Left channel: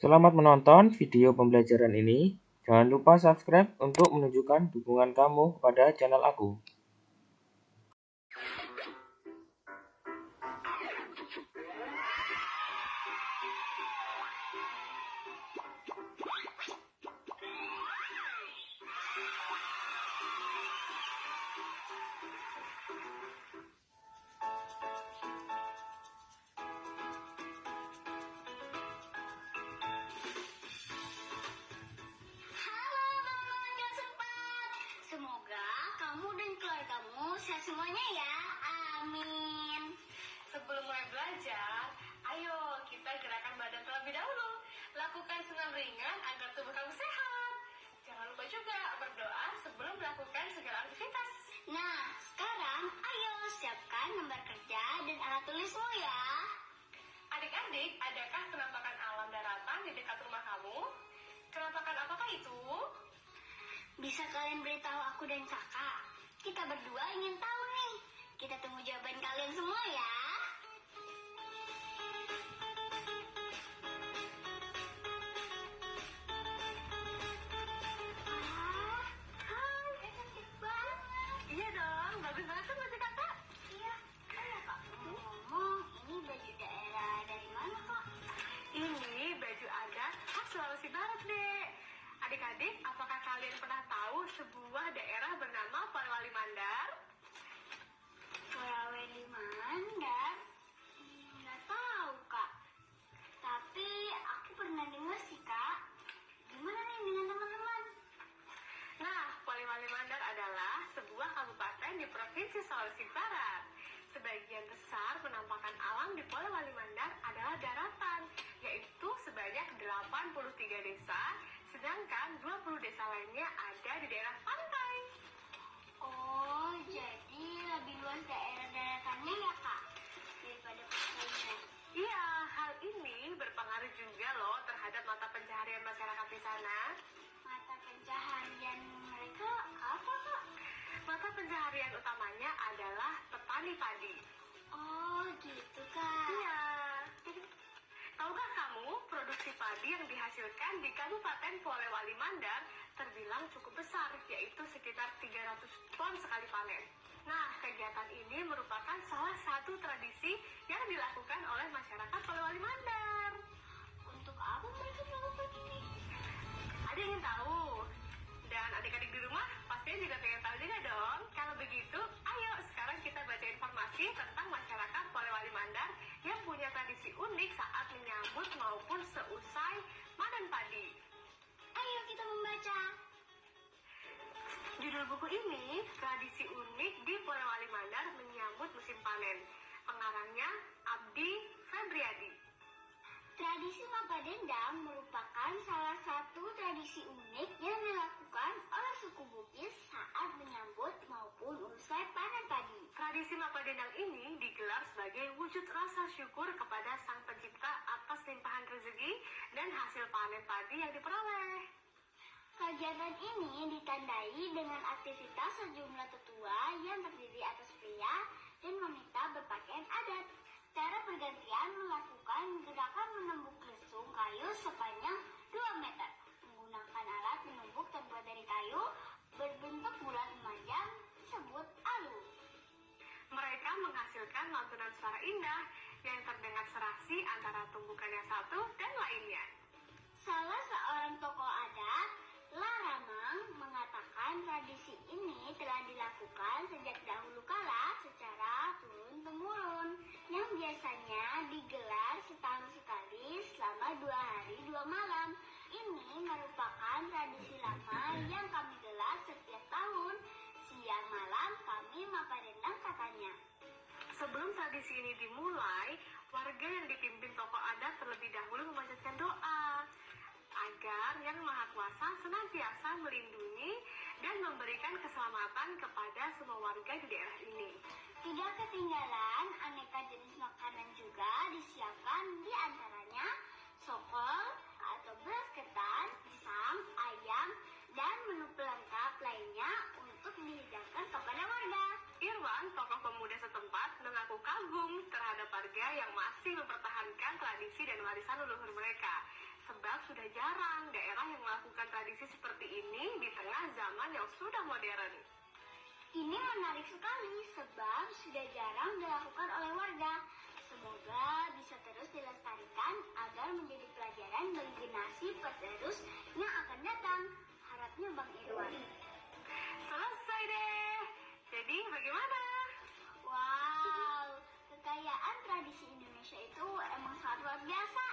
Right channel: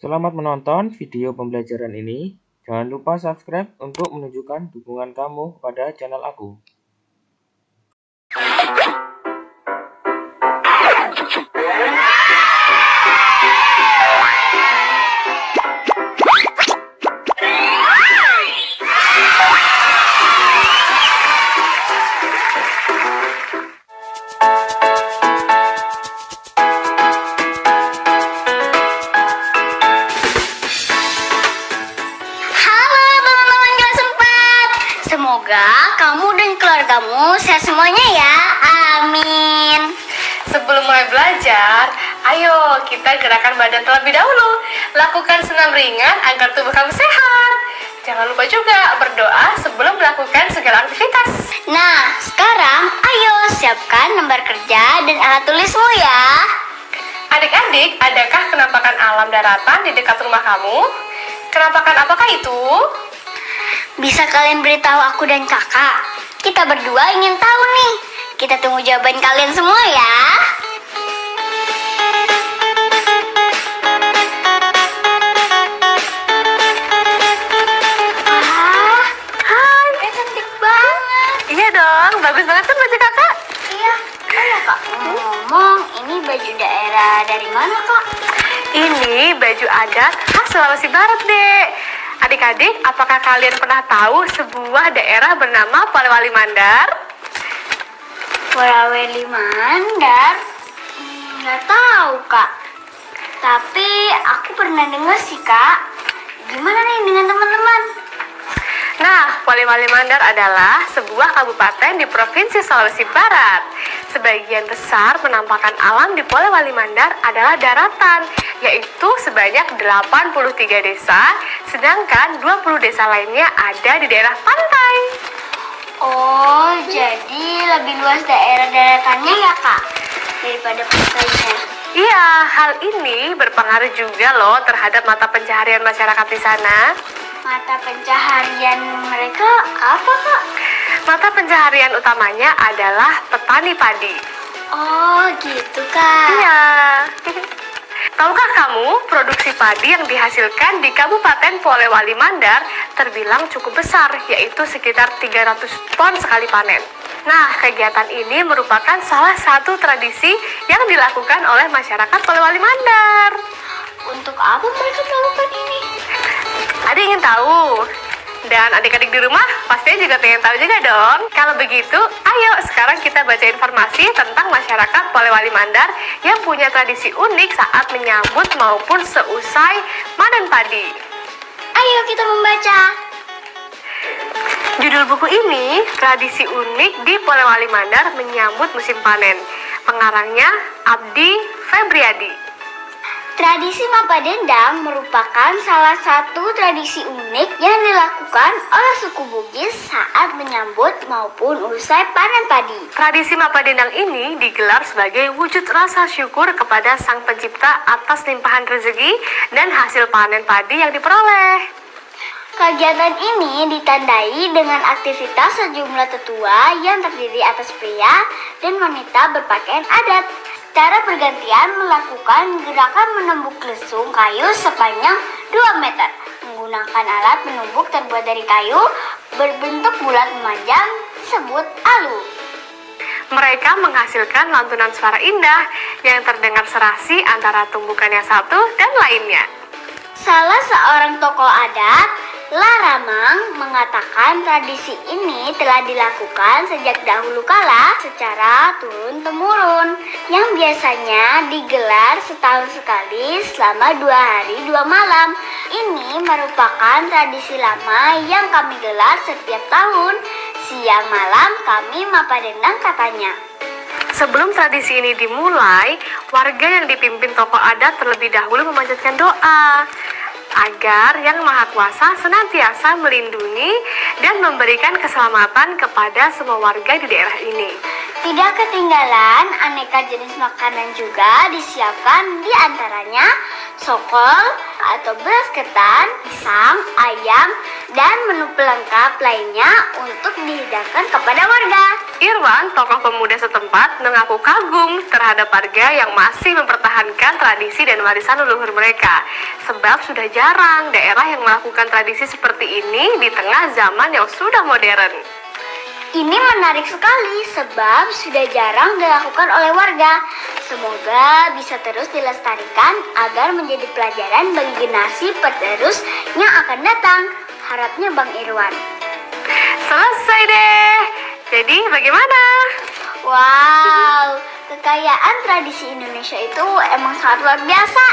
Selamat menonton video pembelajaran ini. Jangan lupa subscribe untuk menunjukkan dukungan kamu kepada channel aku. Semoga kamu dan keluargamu sehat semuanya ya. Amin. Sebelum mulai belajar, ayo kita gerakan badan terlebih dahulu. Lakukan senam ringan agar tubuh kamu sehat. Jangan lupa juga berdoa sebelum melakukan segala aktivitas. Nah, sekarang ayo siapkan lembar kerja dan alat tulismu ya. Adik-adik, adakah penampakan alam daratan di dekat rumah kamu? Penampakan apakah itu? Bisa kalian beritahu aku dan kakak? Kita berdua ingin tahu nih. Kita tunggu jawaban kalian semua ya. Wah, hai, cantik banget. Iya dong, bagus banget kan baju kakak? Iya, kak. Ngomong, ini baju daerah dari mana kak? Ini baju adat khas Sulawesi Barat, Dek. Adik-adik, apakah kalian pernah tahu sebuah daerah bernama Polewali Mandar? Polewali Mandar? Nggak tahu kak. Tapi aku pernah dengar sih kak. Gimana nih dengan teman-teman? Nah, Polewali Mandar adalah sebuah kabupaten di Provinsi Sulawesi Barat. Sebagian besar penampakan alam di Polewali Mandar adalah daratan, yaitu sebanyak 83 desa, sedangkan 20 desa lainnya ada di daerah pantai. Oh, jadi lebih luas daerah daratannya ya kak? Daripada pantainya. Iya, hal ini berpengaruh juga loh terhadap mata pencaharian masyarakat di sana. Mata pencaharian mereka apa kak? Mata pencaharian utamanya adalah petani padi. Oh, gitu kak. Iya. Tahukah kamu, produksi padi yang dihasilkan di Kabupaten Polewali Mandar terbilang cukup besar, yaitu sekitar 300 ton sekali panen. Nah, kegiatan ini merupakan salah satu tradisi yang dilakukan oleh masyarakat Polewali Mandar. Untuk apa mereka melakukan ini? Adik ingin tahu? Dan adik-adik di rumah pastinya juga pengen tahu juga dong. Kalau begitu, ayo sekarang kita baca informasi tentang masyarakat Polewali Mandar yang punya tradisi unik saat menyambut maupun seusai panen padi. Ayo kita membaca. Judul buku ini, Tradisi Unik di Polewali Mandar Menyambut Musim Panen. Pengarangnya Abdi Febriadi. Tradisi Mapa Dendang merupakan salah satu tradisi unik yang dilakukan oleh suku Bugis saat menyambut maupun usai panen padi. Tradisi Mapa Dendang ini digelar sebagai wujud rasa syukur kepada Sang Pencipta atas limpahan rezeki dan hasil panen padi yang diperoleh. Kegiatan ini ditandai dengan aktivitas sejumlah tetua yang terdiri atas pria dan wanita berpakaian adat. Secara bergantian melakukan gerakan menumbuk lesung kayu sepanjang 2 meter. Menggunakan alat menumbuk terbuat dari kayu berbentuk bulat memanjang disebut alu. Mereka menghasilkan lantunan suara indah yang terdengar serasi antara tumbukan yang satu dan lainnya. Salah seorang tokoh adat, Laramang, mengatakan tradisi ini telah dilakukan sejak dahulu kala secara turun-temurun, yang biasanya digelar setahun sekali selama 2 hari 2 malam. Ini merupakan tradisi lama yang kami gelar setiap tahun. Siang malam kami Mapa Dendang katanya. Sebelum tradisi ini dimulai, warga yang dipimpin tokoh adat terlebih dahulu memanjatkan doa agar Yang Maha Kuasa senantiasa melindungi dan memberikan keselamatan kepada semua warga di daerah ini. Tidak ketinggalan, aneka jenis makanan juga disiapkan, di antaranya sokol atau beras ketan, pisang, ayam, dan menu pelengkap lainnya untuk dihidangkan kepada warga. Irwan, tokoh pemuda setempat, mengaku kagum terhadap warga yang masih mempertahankan tradisi dan warisan leluhur mereka. Sebab sudah jarang daerah yang melakukan tradisi seperti ini di tengah zaman yang sudah modern. Ini menarik sekali sebab sudah jarang dilakukan oleh warga. Semoga bisa terus dilestarikan agar menjadi pelajaran bagi generasi penerus yang akan datang. Harapnya Bang Irwan. Selesai deh. Jadi bagaimana? Wow, kekayaan tradisi Indonesia itu emang sangat luar biasa.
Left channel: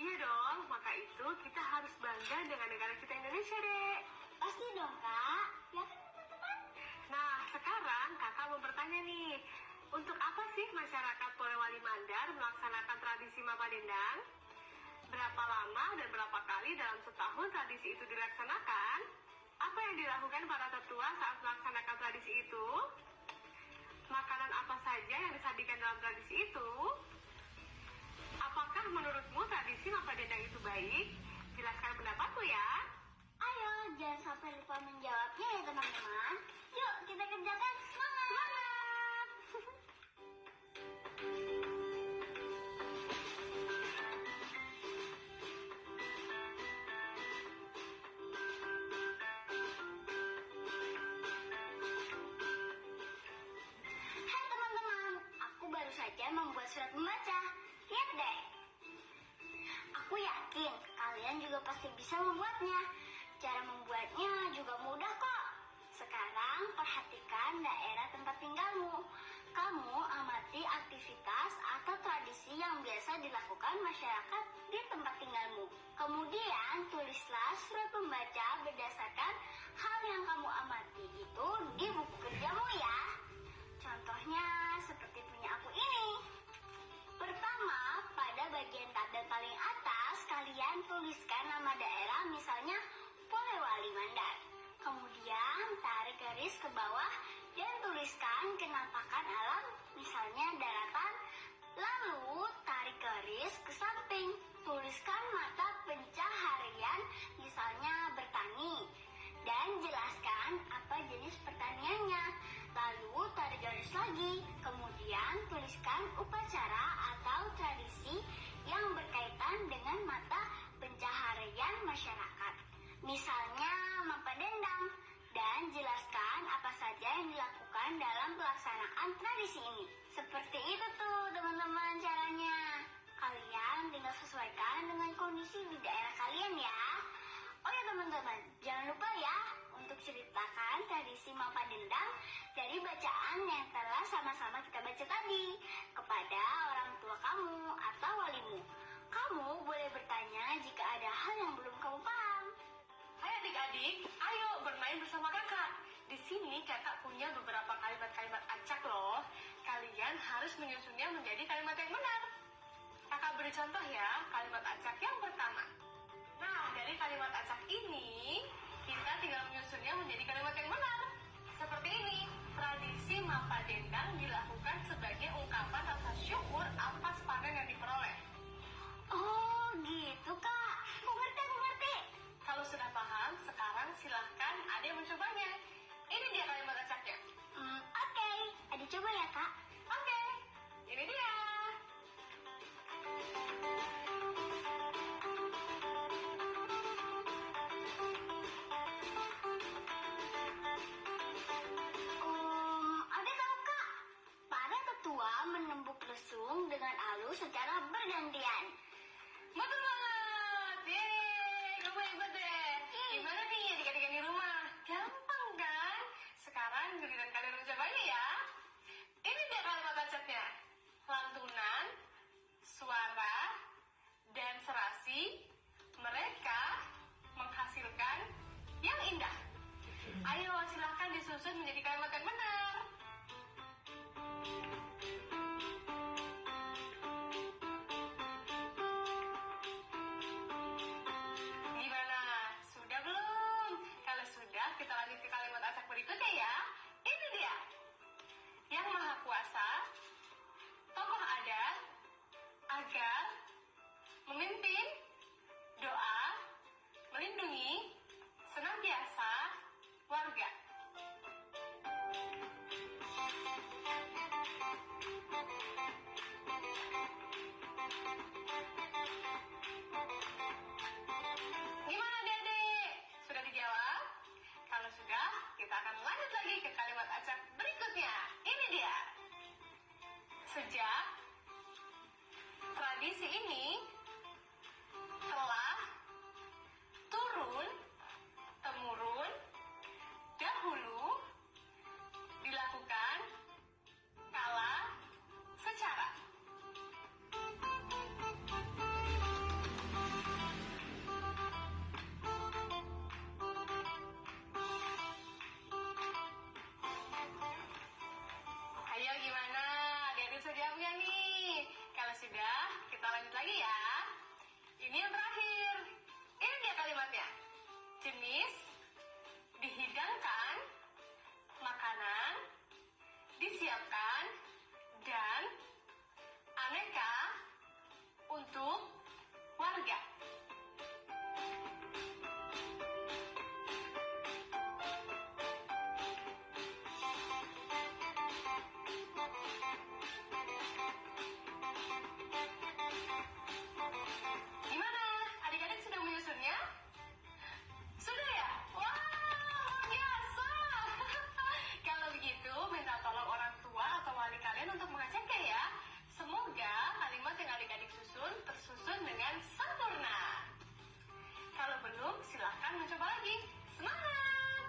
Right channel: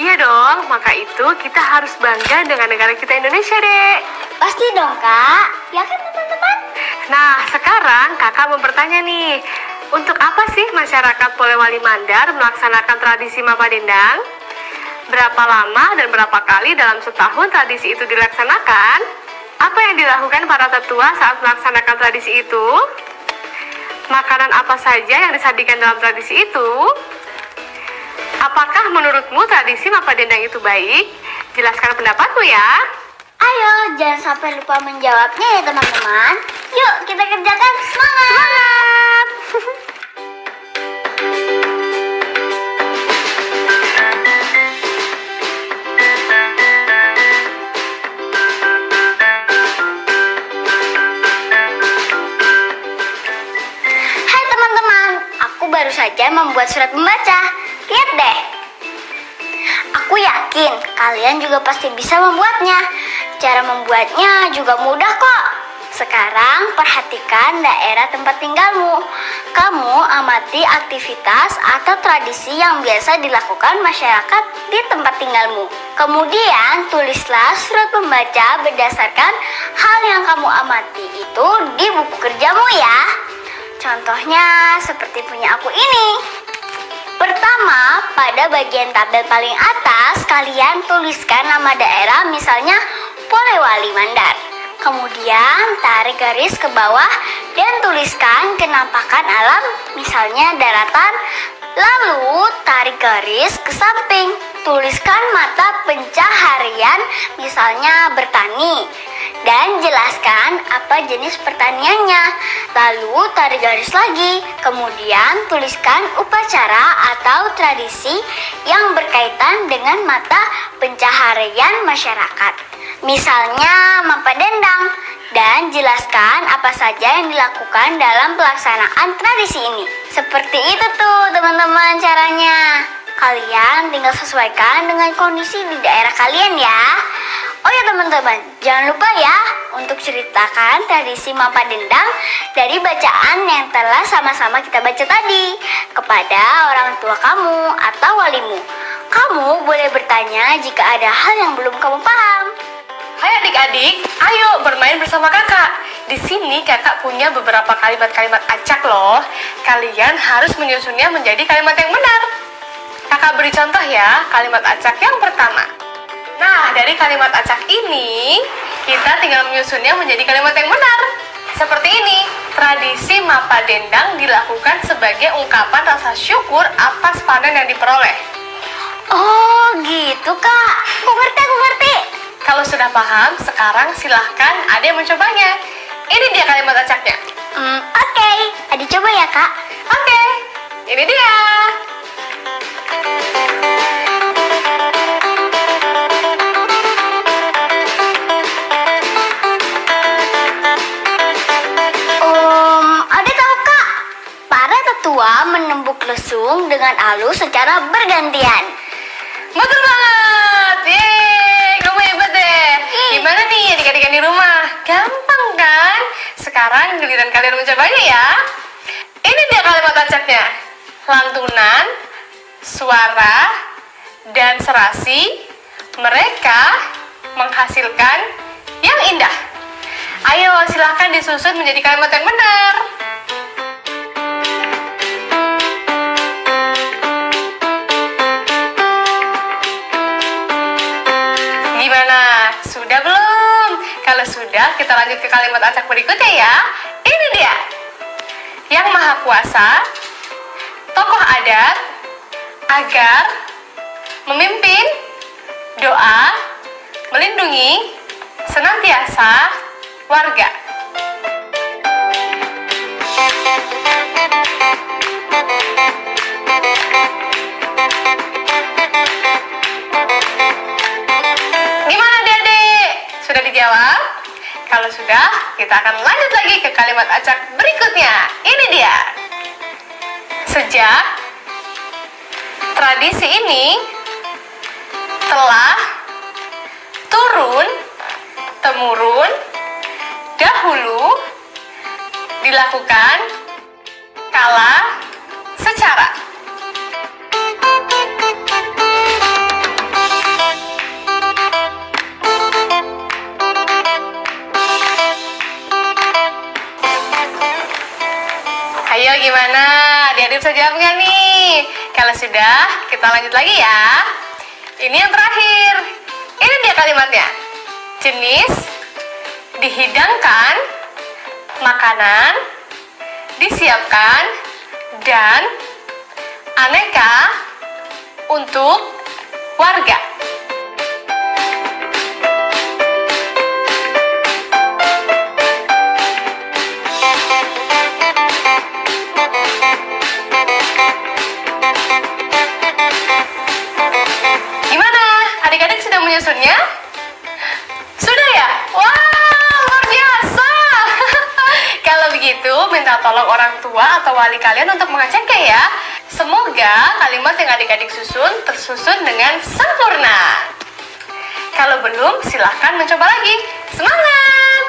Iya dong, maka itu kita harus bangga dengan negara kita Indonesia, Dek. Pasti dong, Kak. Ya kan, teman-teman? Nah, sekarang kakak mau bertanya nih, untuk apa sih masyarakat Polewali Mandar melaksanakan tradisi Mapa Dendang? Berapa lama dan berapa kali dalam setahun tradisi itu dilaksanakan? Apa yang dilakukan para tetua saat melaksanakan tradisi itu? Makanan apa saja yang disajikan dalam tradisi itu? Apakah menurutmu tradisi Mapa Dendang itu baik? Jelaskan pendapatmu ya. Ayo, jangan sampai lupa menjawabnya ya teman-teman. Yuk, kita kerjakan. Semangat! Semangat! Hai teman-teman, aku baru saja membuat surat membaca. Lihat deh. Aku yakin kalian juga pasti bisa membuatnya. Cara membuatnya juga mudah kok. Sekarang perhatikan daerah tempat tinggalmu. Kamu amati aktivitas atau tradisi yang biasa dilakukan masyarakat di tempat tinggalmu. Kemudian tulislah surat pembaca berdasarkan hal yang kamu amati itu di buku kerjamu ya. Contohnya seperti punya aku ini. Pertama, pada bagian tabel paling atas, kalian tuliskan nama daerah, misalnya Polewali Mandar. Kemudian, tarik garis ke bawah dan tuliskan kenampakan alam, misalnya daratan. Lalu, tarik garis ke samping. Tuliskan mata pencaharian, misalnya bertani. Dan jelaskan apa jenis pertaniannya. Lalu tarik garis lagi. Kemudian tuliskan upacara atau tradisi yang berkaitan dengan mata pencaharian masyarakat. Misalnya Mapa Dendang. Dan jelaskan apa saja yang dilakukan dalam pelaksanaan tradisi ini. Seperti itu tuh teman-teman caranya. Kalian tinggal sesuaikan dengan kondisi di daerah kalian ya. Oh ya teman-teman, jangan lupa ya untuk ceritakan tradisi Mapa Dendang dari bacaan yang telah sama-sama kita baca tadi kepada orang tua kamu atau walimu. Kamu boleh bertanya jika ada hal yang belum kamu paham. Hai adik-adik, ayo bermain bersama kakak. Di sini kakak punya beberapa kalimat-kalimat acak loh. Kalian harus menyusunnya menjadi kalimat yang benar. Kakak beri contoh ya, kalimat acak yang pertama. Nah, dari kalimat acak ini, kita tinggal menyusunnya menjadi kalimat yang benar. Seperti ini, tradisi Mapa Dendang dilakukan sebagai ungkapan rasa syukur atas panen yang diperoleh. Oh gitu kak, aku ngerti. Kalau sudah paham, sekarang silahkan ada yang mencobanya. Ini dia kalimat acaknya. Oke. Adi coba ya kak. Oke, ini dia. Adi tahu kak, para tetua menembuk lesung dengan halus secara bergantian. Betul banget. Yeay, kamu hebat deh. Gimana nih adik-adik di rumah? Gampang kan? Sekarang giliran kalian mencobanya ya. Ini dia kalimat acaknya. Lantunan, suara, dan serasi, mereka menghasilkan yang indah. Ayo silahkan disusun menjadi kalimat yang benar. Gimana? Sudah belum? Kalau sudah, kita lanjut ke kalimat acak berikutnya ya. Ini dia. Yang Maha Kuasa, tokoh adat, agar, memimpin, doa, melindungi, senantiasa, warga. Kalau sudah, kita akan lanjut lagi ke kalimat acak berikutnya. Ini dia. Sejak tradisi ini telah turun-temurun dahulu dilakukan kala secara. Ayo gimana? Adik-adik bisa jawab nggak nih? Kalau sudah, kita lanjut lagi ya. Ini yang terakhir. Ini dia kalimatnya. Jenis dihidangkan, makanan disiapkan, dan aneka untuk warga. Gimana? Adik-adik sudah menyusunnya? Sudah ya? Wah, luar biasa! Kalau begitu, minta tolong orang tua atau wali kalian untuk mengeceknya ya. Semoga kalimat yang adik-adik susun tersusun dengan sempurna. Kalau belum, silahkan mencoba lagi. Semangat!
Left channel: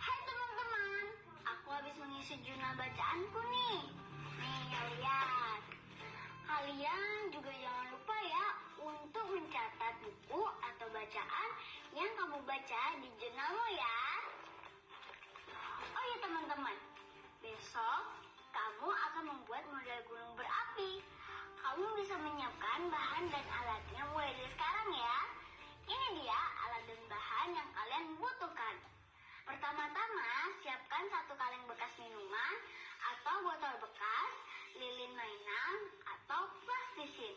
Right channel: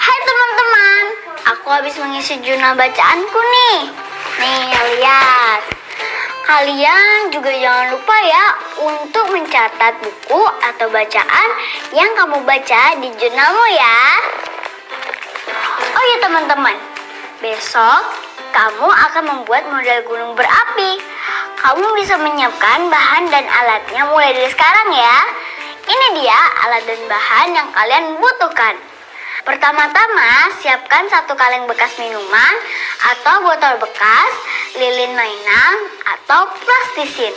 Hai teman-teman, aku habis mengisi jurnal bacaanku nih. Nih, lihat. Kalian juga jangan lupa ya untuk mencatat buku atau bacaan yang kamu baca di jurnalmu ya. Oh ya teman-teman, besok kamu akan membuat model gunung berapi. Kamu bisa menyiapkan bahan dan alatnya mulai dari sekarang ya. Ini dia alat dan bahan yang kalian butuhkan. Pertama-tama, siapkan 1 kaleng bekas minuman atau botol bekas, lilin mainan, atau plastisin.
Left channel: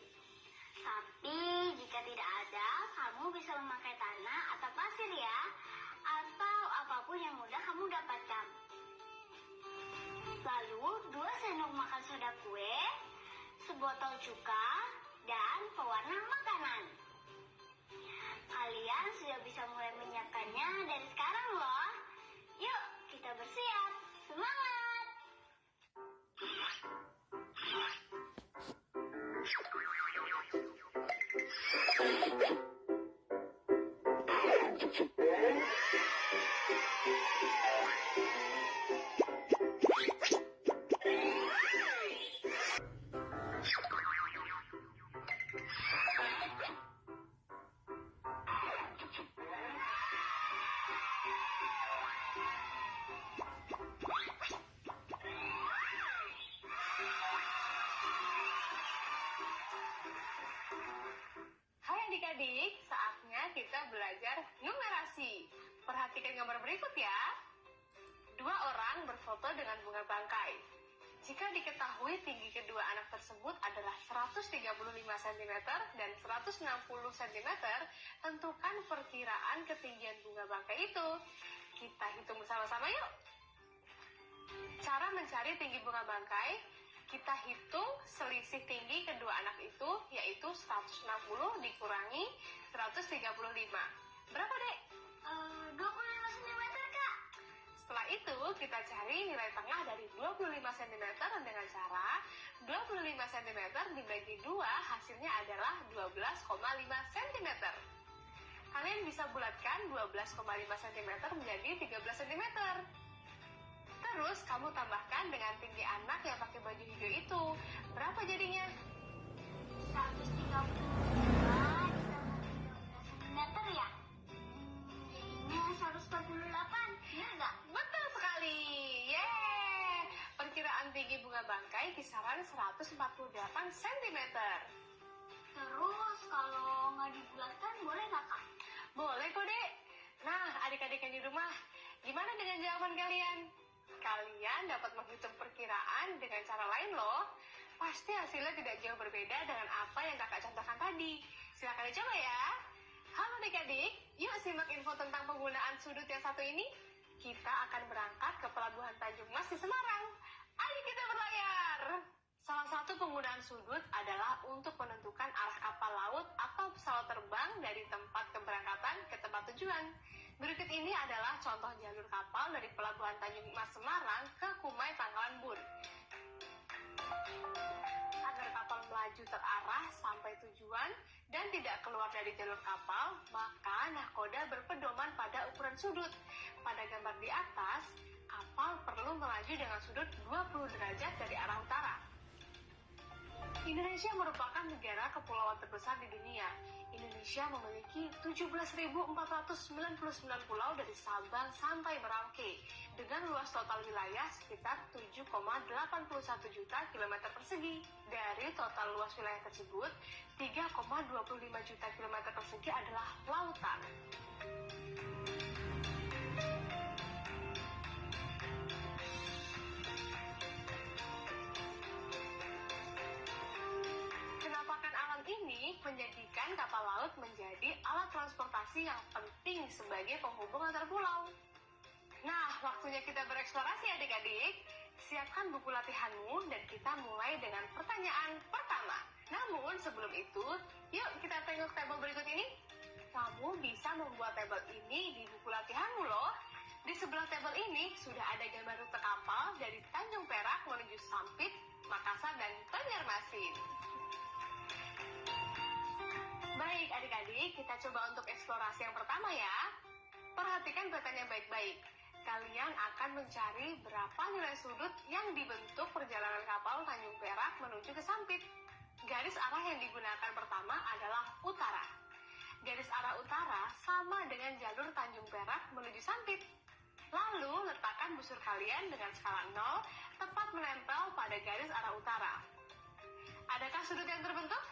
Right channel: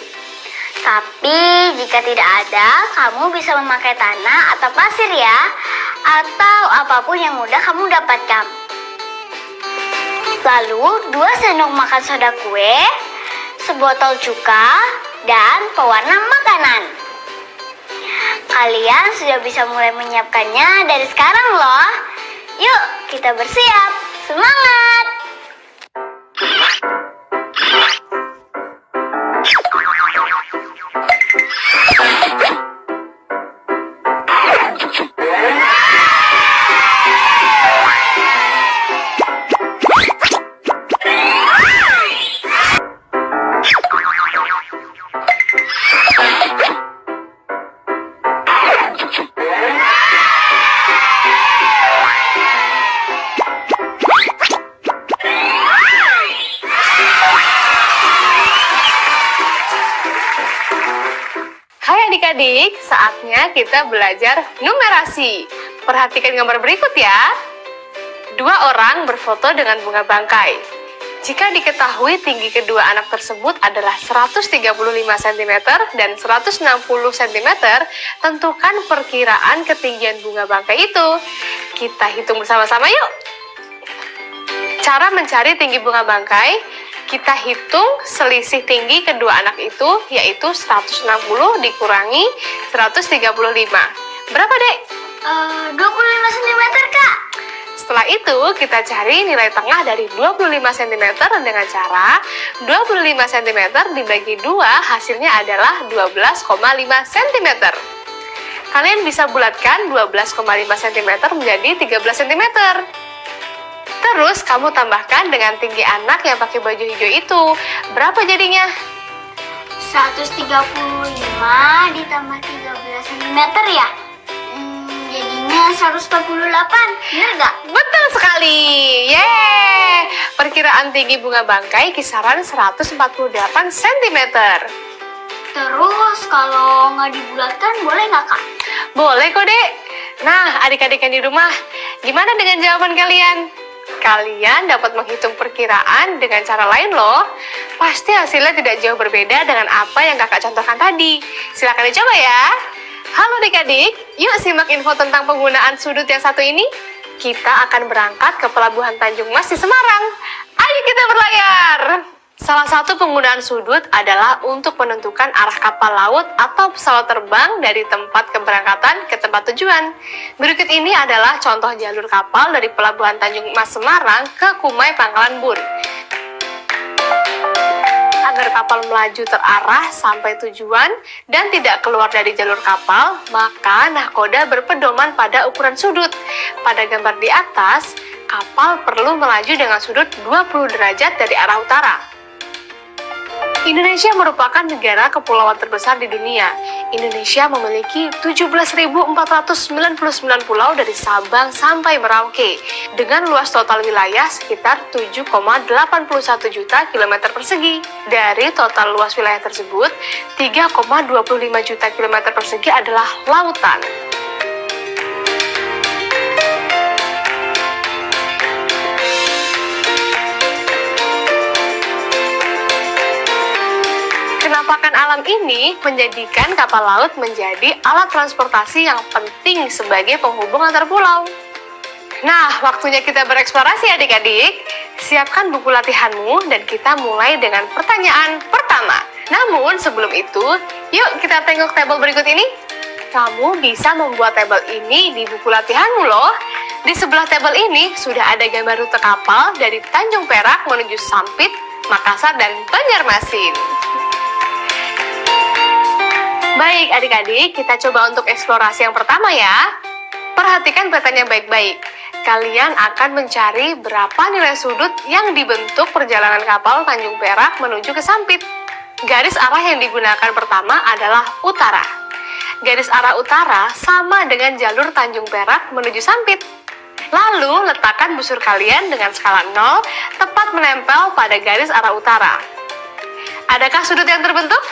Tapi jika tidak ada, kamu bisa memakai tanah atau pasir ya, atau apapun yang mudah kamu dapatkan. Lalu 2 sendok makan soda kue, sebotol cuka, dan pewarna makanan. Kalian sudah bisa mulai menyiapkannya dari sekarang loh. Yuk, kita bersiap. Semangat! Hai adik-adik, saatnya kita belajar numerasi. Perhatikan gambar berikut ya. 2 orang berfoto dengan bunga bangkai. Jika diketahui tinggi kedua anak tersebut adalah 135 cm dan 160 cm, tentukan perkiraan ketinggian bunga bangkai itu. Kita hitung bersama-sama yuk. Cara mencari tinggi bunga bangkai, kita hitung selisih tinggi kedua anak itu, yaitu 160 dikurangi 135. Berapa, Dek? 25 cm, Kak. Setelah itu, kita cari nilai tengah dari 25 cm dengan cara 25 cm dibagi 2, hasilnya adalah 12,5 cm. Kalian bisa bulatkan 12,5 cm menjadi 13 cm. Terus kamu tambahkan dengan tinggi anak yang pakai baju hijau itu. Berapa jadinya? 135 ditambah 13 cm ya? Jadinya 148, bener nggak? Betul sekali. Yeay! Perkiraan tinggi bunga bangkai kisaran 148 cm. Terus kalau nggak dibulatkan boleh nggak, Kak? Boleh kok, Dek. Nah, adik-adik yang di rumah, gimana dengan jawaban kalian? Kalian dapat menghitung perkiraan dengan cara lain loh. Pasti hasilnya tidak jauh berbeda dengan apa yang kakak contohkan tadi. Silakan dicoba ya. Halo adik-adik, yuk simak info tentang penggunaan sudut yang satu ini. Kita akan berangkat ke Pelabuhan Tanjung Mas di Semarang. Ayo kita berlayar. Salah satu penggunaan sudut adalah untuk menentukan arah kapal laut atau pesawat terbang dari tempat keberangkatan ke tempat tujuan. Berikut ini adalah contoh jalur kapal dari Pelabuhan Tanjung Mas Semarang ke Kumai Pangkalan Bun. Agar kapal melaju terarah sampai tujuan dan tidak keluar dari jalur kapal, maka nahkoda berpedoman pada ukuran sudut. Pada gambar di atas, kapal perlu melaju dengan sudut 20 derajat dari arah utara. Indonesia merupakan negara kepulauan terbesar di dunia. Indonesia memiliki 17.499 pulau dari Sabang sampai Merauke, dengan luas total wilayah sekitar 7,81 juta kilometer persegi. Dari total luas wilayah tersebut, 3,25 juta kilometer persegi adalah lautan. Penampakan alam ini menjadikan kapal laut menjadi alat transportasi yang penting sebagai penghubung antar pulau. Nah, waktunya kita bereksplorasi adik-adik. Siapkan buku latihanmu dan kita mulai dengan pertanyaan pertama. Namun sebelum itu, yuk kita tengok tabel berikut ini. Kamu bisa membuat tabel ini di buku latihanmu loh. Di sebelah tabel ini sudah ada gambar rute kapal dari Tanjung Perak menuju Sampit, Makassar, dan Banjarmasin. Baik adik-adik, kita coba untuk eksplorasi yang pertama ya. Perhatikan petanya baik-baik. Kalian akan mencari berapa nilai sudut yang dibentuk perjalanan kapal Tanjung Perak menuju ke Sampit. Garis arah yang digunakan pertama adalah utara. Garis arah utara sama dengan jalur Tanjung Perak menuju Sampit. Lalu letakkan busur kalian dengan skala 0 tepat menempel pada garis arah utara. Adakah sudut yang terbentuk?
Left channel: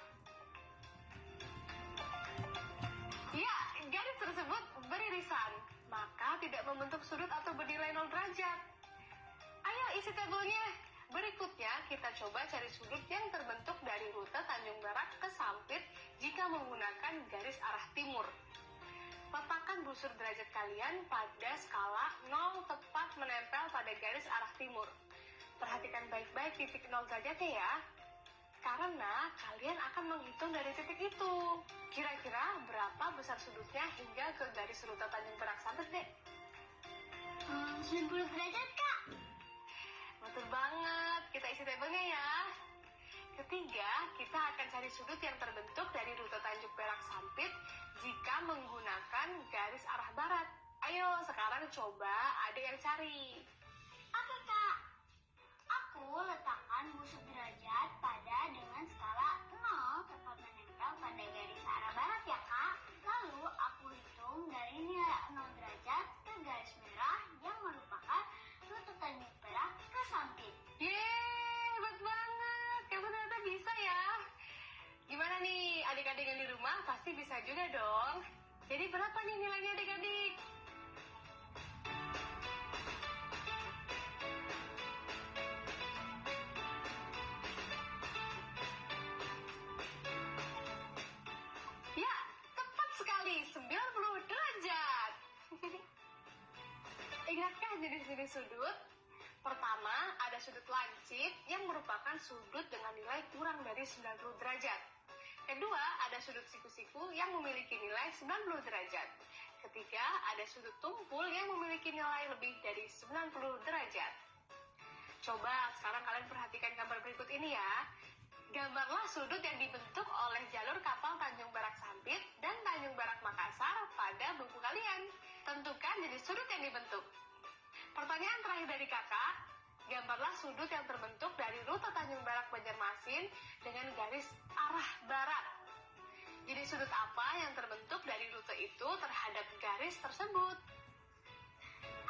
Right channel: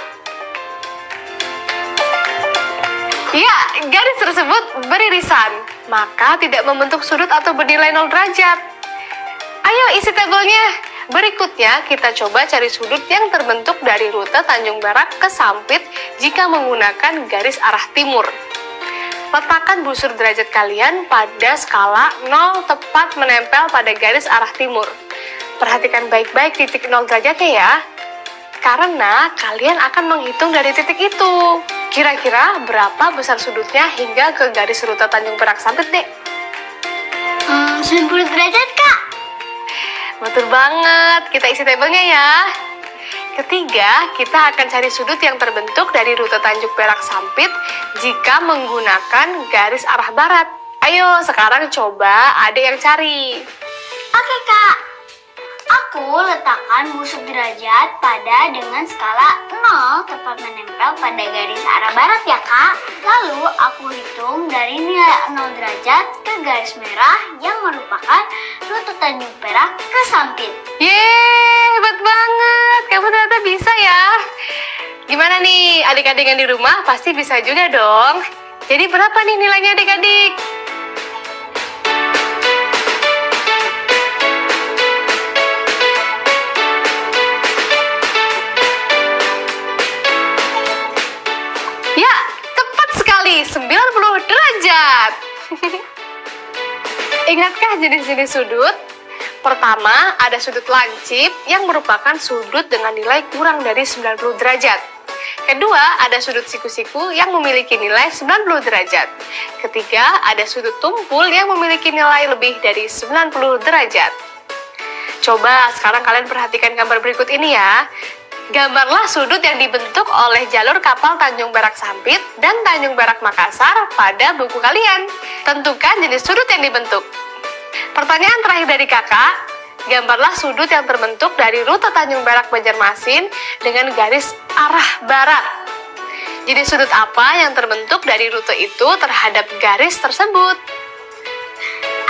Ya, garis tersebut beririsan, maka tidak membentuk sudut atau bernilai 0 derajat. Ayo isi tabelnya. Berikutnya kita coba cari sudut yang terbentuk dari rute Tanjung Perak ke Sampit jika menggunakan garis arah timur. Letakkan busur derajat kalian pada skala 0 tepat menempel pada garis arah timur. Perhatikan baik-baik titik 0 derajatnya ya, karena kalian akan menghitung dari titik itu. Kira-kira berapa besar sudutnya hingga ke garis rute Tanjung Perak Sampit, Dek? 90 derajat, Kak. Betul banget, kita isi tabelnya ya. Ketiga, kita akan cari sudut yang terbentuk dari rute Tanjung Perak Sampit jika menggunakan garis arah barat. Ayo, sekarang coba adek yang cari. Oke, Kak. Aku letakkan busur derajat pada dengan skala 0 tepat menempel pada garis arah barat ya, Kak. Lalu aku hitung dari nilai 0 derajat ke garis merah yang merupakan rute Tanjung Perak ke Sampit. Yeay, hebat banget. Kamu ternyata bisa ya. Gimana nih, adik-adik yang di rumah pasti bisa juga dong. Jadi berapa nih nilainya adik-adik? Ya, tepat sekali, 90 derajat. Ingatkah jenis-jenis sudut? Pertama, ada sudut lancip yang merupakan sudut dengan nilai kurang dari 90 derajat. Kedua, ada sudut siku-siku yang memiliki nilai 90 derajat. Ketiga, ada sudut tumpul yang memiliki nilai lebih dari 90 derajat. Coba sekarang kalian perhatikan gambar berikut ini ya. Gambarlah sudut yang dibentuk oleh jalur kapal Tanjung Perak Sampit dan Tanjung Perak Makassar pada buku kalian. Tentukan jenis sudut yang dibentuk. Pertanyaan terakhir dari kakak, gambarlah sudut yang terbentuk dari rute Tanjung Perak Banjarmasin dengan garis arah barat. Jenis sudut apa yang terbentuk dari rute itu terhadap garis tersebut?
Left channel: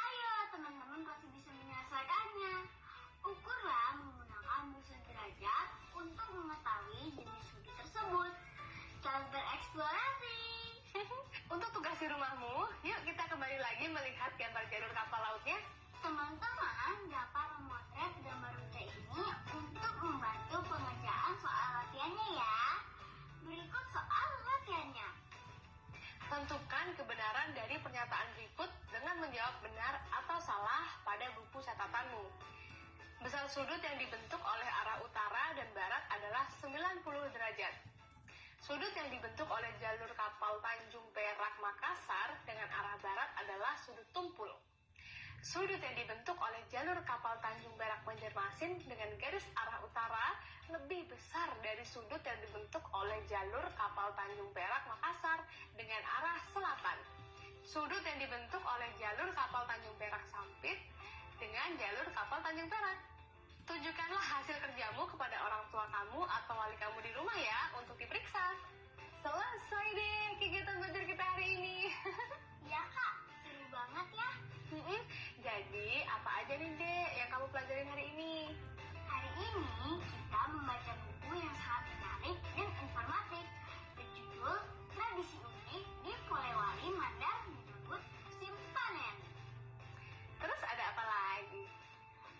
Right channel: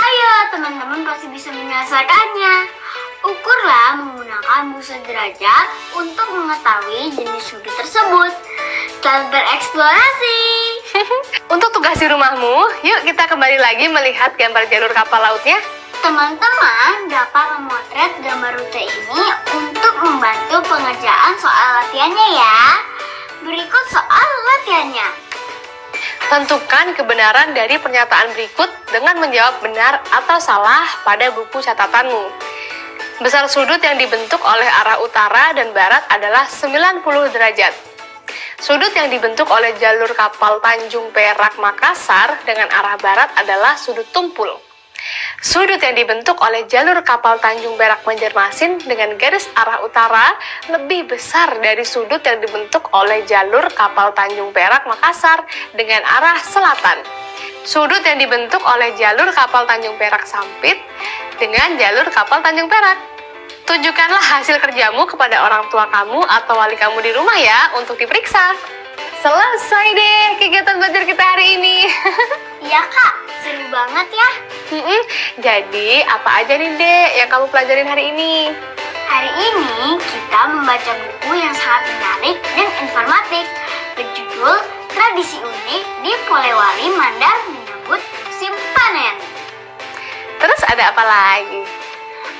Ayo, teman-teman pasti bisa menyelesaikannya. Ukurlah menggunakan busur derajat untuk mengetahui jenis sudut tersebut. Selamat bereksplorasi! Untuk tugas di rumahmu, yuk kita kembali lagi melihat gambar jalur kapal lautnya. Teman-teman dapat memotret gambar rute ini untuk membantu pengerjaan soal latihannya ya. Berikut soal latihannya. Tentukan kebenaran dari pernyataan berikut dengan menjawab benar atau salah pada buku catatanmu. Besar sudut yang dibentuk oleh arah utara dan barat adalah 90 derajat. Sudut yang dibentuk oleh jalur kapal Tanjung Perak Makassar dengan arah barat adalah sudut tumpul. Sudut yang dibentuk oleh jalur kapal Tanjung Perak Banjarmasin dengan garis arah utara lebih besar dari sudut yang dibentuk oleh jalur kapal Tanjung Perak Makassar dengan arah selatan. Sudut yang dibentuk oleh jalur kapal Tanjung Perak Sampit dengan jalur kapal Tanjung Perak. Tunjukkanlah hasil kerjamu kepada orang tua kamu atau wali kamu di rumah ya untuk diperiksa. Selesai deh kegiatan belajar kita hari ini. Iya kak, seru banget ya. Jadi apa aja nih Dek yang kamu pelajarin hari ini? Hari ini kita membaca buku yang sangat menarik dan informatif berjudul Tradisi Unik di Polewali Mandar Menyambut Musim Panen. Terus ada apa lagi?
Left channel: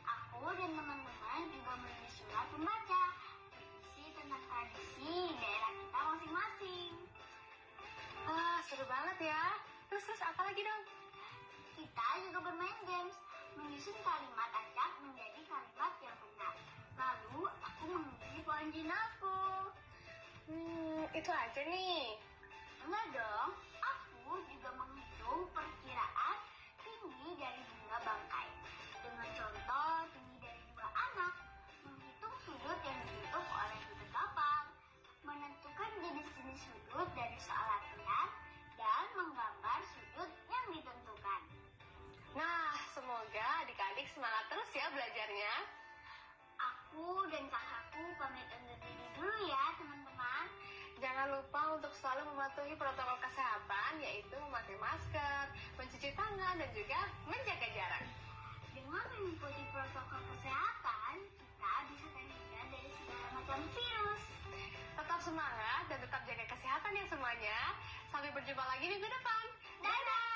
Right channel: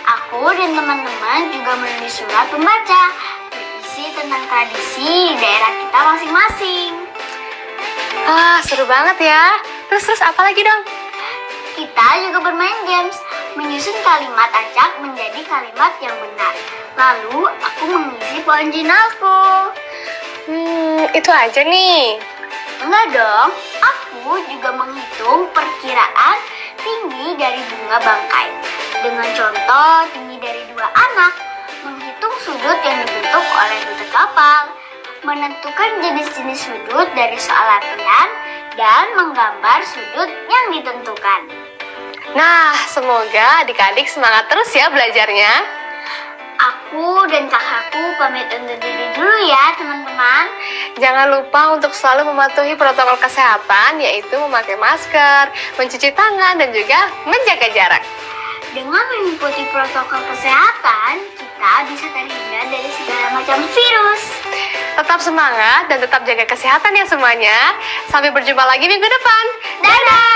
Aku dan teman-teman juga menulis surat pembaca berisi tentang tradisi di daerah kita masing-masing. Seru banget ya. Terus apa lagi dong? Kita juga bermain games, menyusun kalimat acak menjadi kalimat yang benar. Lalu aku mengisi poin jurnalku. Itu aja nih. Enggak dong, aku juga menghitung perkiraan tinggi dari bunga bangkai. Dengan contoh tinggi dari 2 anak, menghitung sudut yang dibentuk oleh lutut kapal, menentukan jenis-jenis sudut dari soal latihan, dan menggambar sudut yang ditentukan. Nah, semoga adik-adik semangat terus ya belajarnya. Aku dan kakakku pamit undur diri dulu ya teman-teman. Jangan lupa untuk selalu mematuhi protokol kesehatan, yaitu memakai masker, mencuci tangan, dan juga menjaga jarak. Dengan mengikuti protokol kesehatan, kita bisa terhindar dari segala macam virus. Tetap semangat dan tetap jaga kesehatan ya semuanya. Sampai berjumpa lagi minggu depan. Dadah!